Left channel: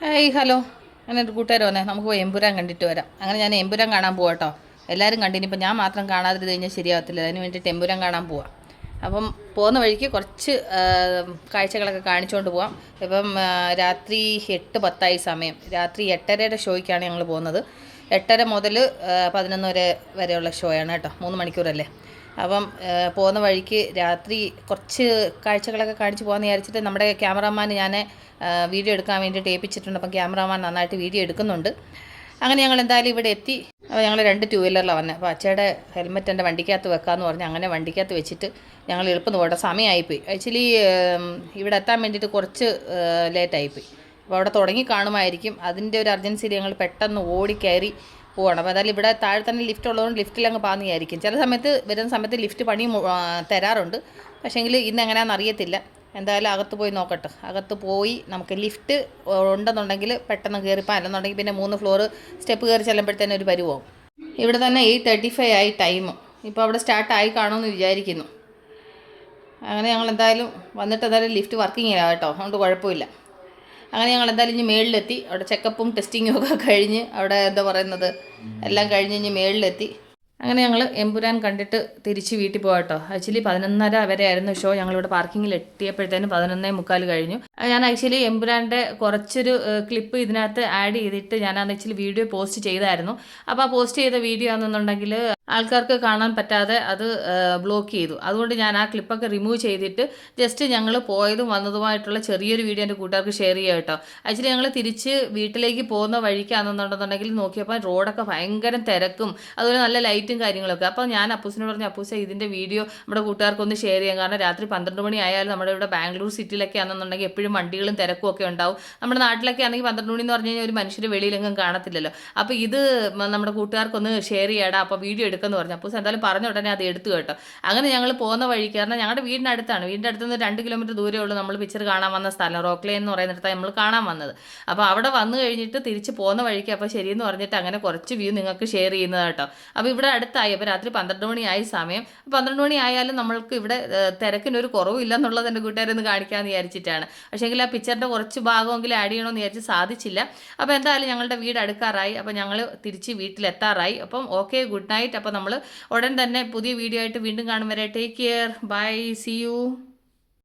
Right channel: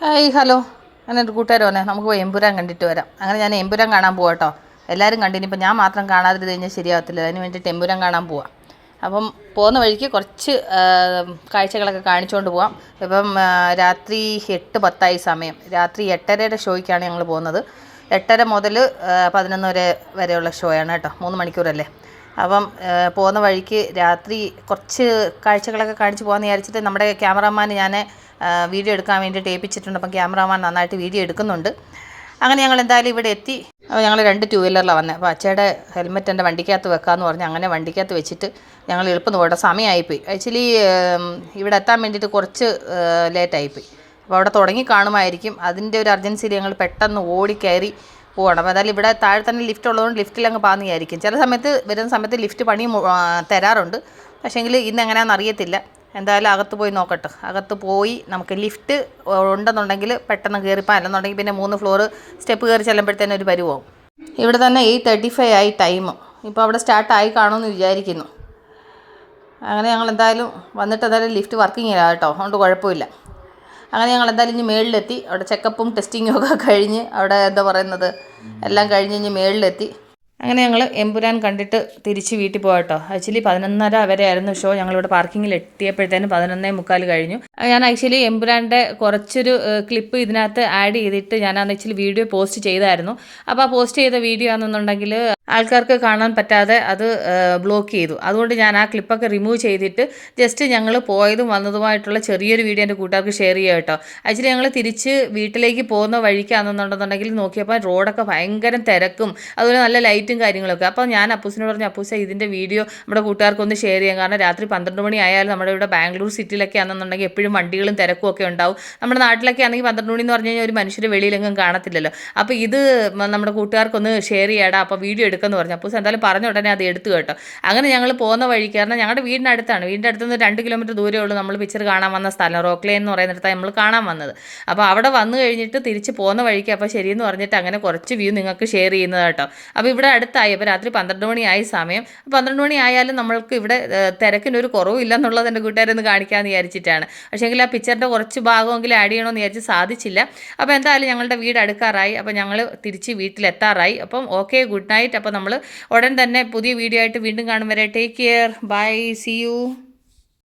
Hi hello. അങ്ങനെ ഒരു കൂട്ടുകാർ വന്നേ നമുക്ക് എമ്പുരാൻ കണ്ടിട്ട് വരാം. അങ്ങനെ ഞാൻ എമ്പുരാൻ കാണാൻ പോവാം കേട്ടോ. എല്ലാവരും കണ്ടിനിപ്പോൾ ഞാൻ മാത്രം കാണാതിരുന്ന് കഴിഞ്ഞാൽ ശരിയാവത്തില്ല. അതിന് വേണ്ടിയിട്ട് എമ്പുരാൻ കാണാൻ പോവാം. അപ്പം പോകുന്ന വഴിക്ക് കുറച്ച് കാഴ്ചകളൊക്കെ കാണിച്ചുകൊണ്ട് പോവാം. ഇപ്പം രാത്രി 8:10 സമയം. രാത്രി 8:30 ഷോയ്ക്കാണ് ഞങ്ങൾ പോകുന്നത്. 8:30 മുതൽ 11 വരെയുള്ള ഷോയാണ് കേട്ടോ. 3 മണിക്കൂറല്ലേ. അപ്പം പോകുന്ന വഴിക്ക് രാത്രി കുറച്ച് കാഴ്ചകളൊക്കെ കാണിച്ച് പോകാമെന്ന് വിചാരിച്ചിട്ട് നമ്മുടെ ക്യാമറാമാൻ ഞാൻ വീഡിയോ എടുക്കാൻ വേണ്ടിയിട്ട് ഏൽപ്പിച്ചിട്ടുണ്ട്. അപ്പം ക്യാമറാമാൻ നന്നായിട്ട് വീഡിയോ എടുക്കുന്നുണ്ട്. അങ്ങനെ ഞങ്ങൾ എന്തായാലും ഇവിടെ എത്തി. അപ്പോൾ ഞങ്ങൾ 2 ടൂ വീലറിലാണ് വന്നത്. അപ്പോൾ അച്ഛയുടെ ഹെൽമെറ്റ് എൻ്റെ വണ്ടിക്കകത്ത് വെക്കാമെന്ന് പറഞ്ഞ് അങ്ങനെ വണ്ടിക്കകത്ത് വെച്ചിട്ട് ഞങ്ങൾ എളുപ്പം പോകട്ടെ. സമയമായിപ്പോയി. ആക്ച്വലി ഇവിടെ എത്താൻ വേണ്ടിയിട്ട് കുറച്ച് ലേറ്റായിപ്പോയി. അപ്പോൾ അവിടെ തുടങ്ങി കാണുമായിരിക്കും. അതിൻ്റെ ഒരു അർജൻസിയിൽ ഞങ്ങൾ പെട്ടെന്ന് ഓടിക്കയറി പോകണം. അപ്പോൾ അതായത് ഇവിടെ താഴെ തന്നെ ലിഫ്റ്റ് ഉള്ളതുകൊണ്ട് ലിഫ്റ്റിൽ അങ്ങ് പാന്നിയായിരിക്കും. ചില സമയത്ത് വരുന്ന സമയത്ത് ലിഫ്റ്റ് പണി തരാറുണ്ട്. പക്ഷേങ്കിൽ ഇന്ന് എങ്ങനെയാണെന്ന് അറിയത്തില്ല. എന്തായാലും അകത്ത് പോയി നോക്കട്ടെ. അകത്ത് പോയി നമുക്ക് ലിഫ്റ്റ് ഉണ്ടെന്നുണ്ടെങ്കിൽ പെട്ടെന്ന് കയറിപ്പോൾ, അല്ലെന്നുണ്ടെങ്കിൽ പിന്നെ 3 ഫ്ലോർ സ്റ്റെപ്പ് കയറി ചെല്ലുമ്പോഴത്തേനും ഒരു പരിവാവും. ഇവിടെ തന്നെ 8:35 ആയി ടൈം. ഇപ്പോൾ അവിടെ സ്റ്റാർട്ടായി കാണുമെന്ന് വിചാരിക്കുന്നു. അങ്ങനെ ഞങ്ങൾ എന്തായാലും വന്നിട്ട് എന്തായാലും ലിഫ്റ്റ് വർക്കിംഗ് ഇല്ല കേട്ടോ, അതുകൊണ്ട് കുഴപ്പമില്ല. അങ്ങനെ ഞങ്ങൾ എന്തായാലും ഇനി മേളിലെത്തി. അവിടെ ചെക്കപ്പും ടെസ്റ്റിങ്ങും ഒക്കെ കഴിഞ്ഞ് അവിടെ എന്താ പറയുന്നത് എല്ലാം കഴിഞ്ഞ് ഇനി മേളിലെത്തി. അങ്ങനെ ഞങ്ങൾ എമ്പുരാൻ കണ്ടിട്ട് തിരിച്ച് വീട്ടിൽ പോകാം കേട്ടോ. ആക്ച്വലി 11:30 വരെ ആയിരുന്നു ഷോ. ഞങ്ങളിവിടെ പാർക്കിങ്ങിൽ എത്തിയപ്പോഴത്തേനും 11:45 കഴിഞ്ഞു. ഞാൻ ആക്ച്വലി എമ്പുരാൻ്റെ കുറച്ചൊരു ക്ലിപ്പ് ഇതിനകത്ത് ആഡ് ചെയ്തിട്ട് ഞാൻ ആക്ച്വലി വീഡിയോ പോസ്റ്റ് ചെയ്തായിരുന്നു. അപ്പോൾ ആ പോസ്റ്റ് ചെയ്ത വീഡിയോ ആണെന്നുണ്ടെങ്കിൽ ആൾക്കാർക്ക് കാണാൻ പറ്റാതെ അത് ബ്ലോക്ക് ചെയ്തു. അതുകൊണ്ട് ഞാൻ ആ ക്ലിപ്പൊക്കെ റിമൂവ് ചെയ്തിട്ട് ജസ്റ്റ് ഞങ്ങൾ പോയതും വന്നതുമായിട്ടുള്ള ചെറിയൊരു വീഡിയോ എൻ്റെ കൂട്ടുകാർക്ക് ഷെയർ ചെയ്യാം കേട്ടോ. ആക്ച്വലി ഞങ്ങൾ തിരിച്ച് വീട്ടിലേക്ക് പോകുന്ന വഴിക്കാണെന്നുണ്ടെന്നുണ്ടെങ്കിൽ നോക്കിയപ്പോൾ റോഡൊക്കെ ഭയങ്കര തിരക്കും അതുപോലെ നല്ല ലൈറ്റും കാര്യങ്ങളൊക്കെ. അപ്പോൾ ഞാൻ അപ്പൂസിനോട് പറഞ്ഞു, അപ്പൂസ ഇതിൻ്റെ വീഡിയോ നമ്മുടെ കൂട്ടുകാർക്കൊന്ന് ഷെയർ ചെയ്യാം. കാരണം രാത്രി 12 മണി ആയാലും നമ്മുടെ ഇവിടെ ബാംഗ്ലൂർ സിറ്റിയിലൊക്കെ ആണെന്നുണ്ടെങ്കിൽ എപ്പോഴും വണ്ടികളും തിരക്കും ഒക്കെ ഉണ്ടാവും. നമ്മുടെ നാട്ടിലൊക്കെ ആണെങ്കിൽ 12 മണി എന്ന് പറഞ്ഞു കഴിഞ്ഞാൽ ഒരു മനുഷ്യർ വെളിയിലെങ്ങും കാണത്തില്ലല്ലോ. അപ്പോൾ ഇത് നമ്മുടെ കൂട്ടുകാർക്കൊന്ന് ഷെയർ ചെയ്യാടാ, അപ്പോൾ വീഡിയോ എടുക്കുമെന്ന് പറഞ്ഞു. അപ്പോൾ എന്തായാലും പറഞ്ഞ ഉടനെ അത് എടുത്തു കേട്ടോ. അങ്ങനെ ഞങ്ങൾ പോകുന്ന വഴിക്ക്, കാരണം ഞങ്ങളുടെ വീടിൻ്റെ അടുത്താണ്. വീടിൻ്റെ അടുത്ത് നിന്ന് 2 കിലോമീറ്റർ ദൂരമേ ഉള്ളൂ നമ്മൾ പിക്ചർ കാണാൻ വന്ന സ്ഥലം. റോക്ക്ലേ എന്ന് പറയുന്നിടത്താണ് നമ്മൾ കാണാൻ വന്നത്. അപ്പോൾ അവിടെ വന്നു കഴിഞ്ഞിട്ട് തിരിച്ച് പോകുന്ന വഴിക്ക് അപ്പോൾ ശരിയെന്ന് പറഞ്ഞിട്ട് അങ്ങനെ കുറച്ച് വ്യൂ നിങ്ങൾക്ക് ഷെയർ ചെയ്യുന്നത് കേട്ടോ. അപ്പോൾ ഇവിടെ അടുത്തായി. അപ്പോൾ രാത്രി 12 മണിയായി സമയം. 12 മണി ആയാലും നമ്മൾക്ക് ഇവിടെ തിരക്കിനൊരു കുറവില്ല എന്നുള്ളത് എൻ്റെ കൂട്ടുകാരൊന്ന് കാണിക്കാമെന്ന് വിചാരിച്ചിട്ടാണ്. പക്ഷേങ്കിൽ ആ പിക്ചറിൻ്റെ കുറച്ച് ഭാഗമെങ്കിലും ആഡ് ചെയ്യണമെന്ന് വിചാരിച്ച് സാധിച്ചില്ല. അപ്പോൾ എന്തായാലും ഞങ്ങളുടെ വീട് അടുക്കാറായി. അപ്പോൾ ഞങ്ങൾ തിരിച്ച് വീട്ടിലെത്താറായി. അപ്പം ഓക്കെ, ഗുഡ് നൈറ്റ്. അപ്പോൾ നമ്മൾ ഉടൻ തന്നെ പുതിയ വീഡിയോ ആയിട്ട് വീണ്ടും കാണും വരെ take care, bye, see U.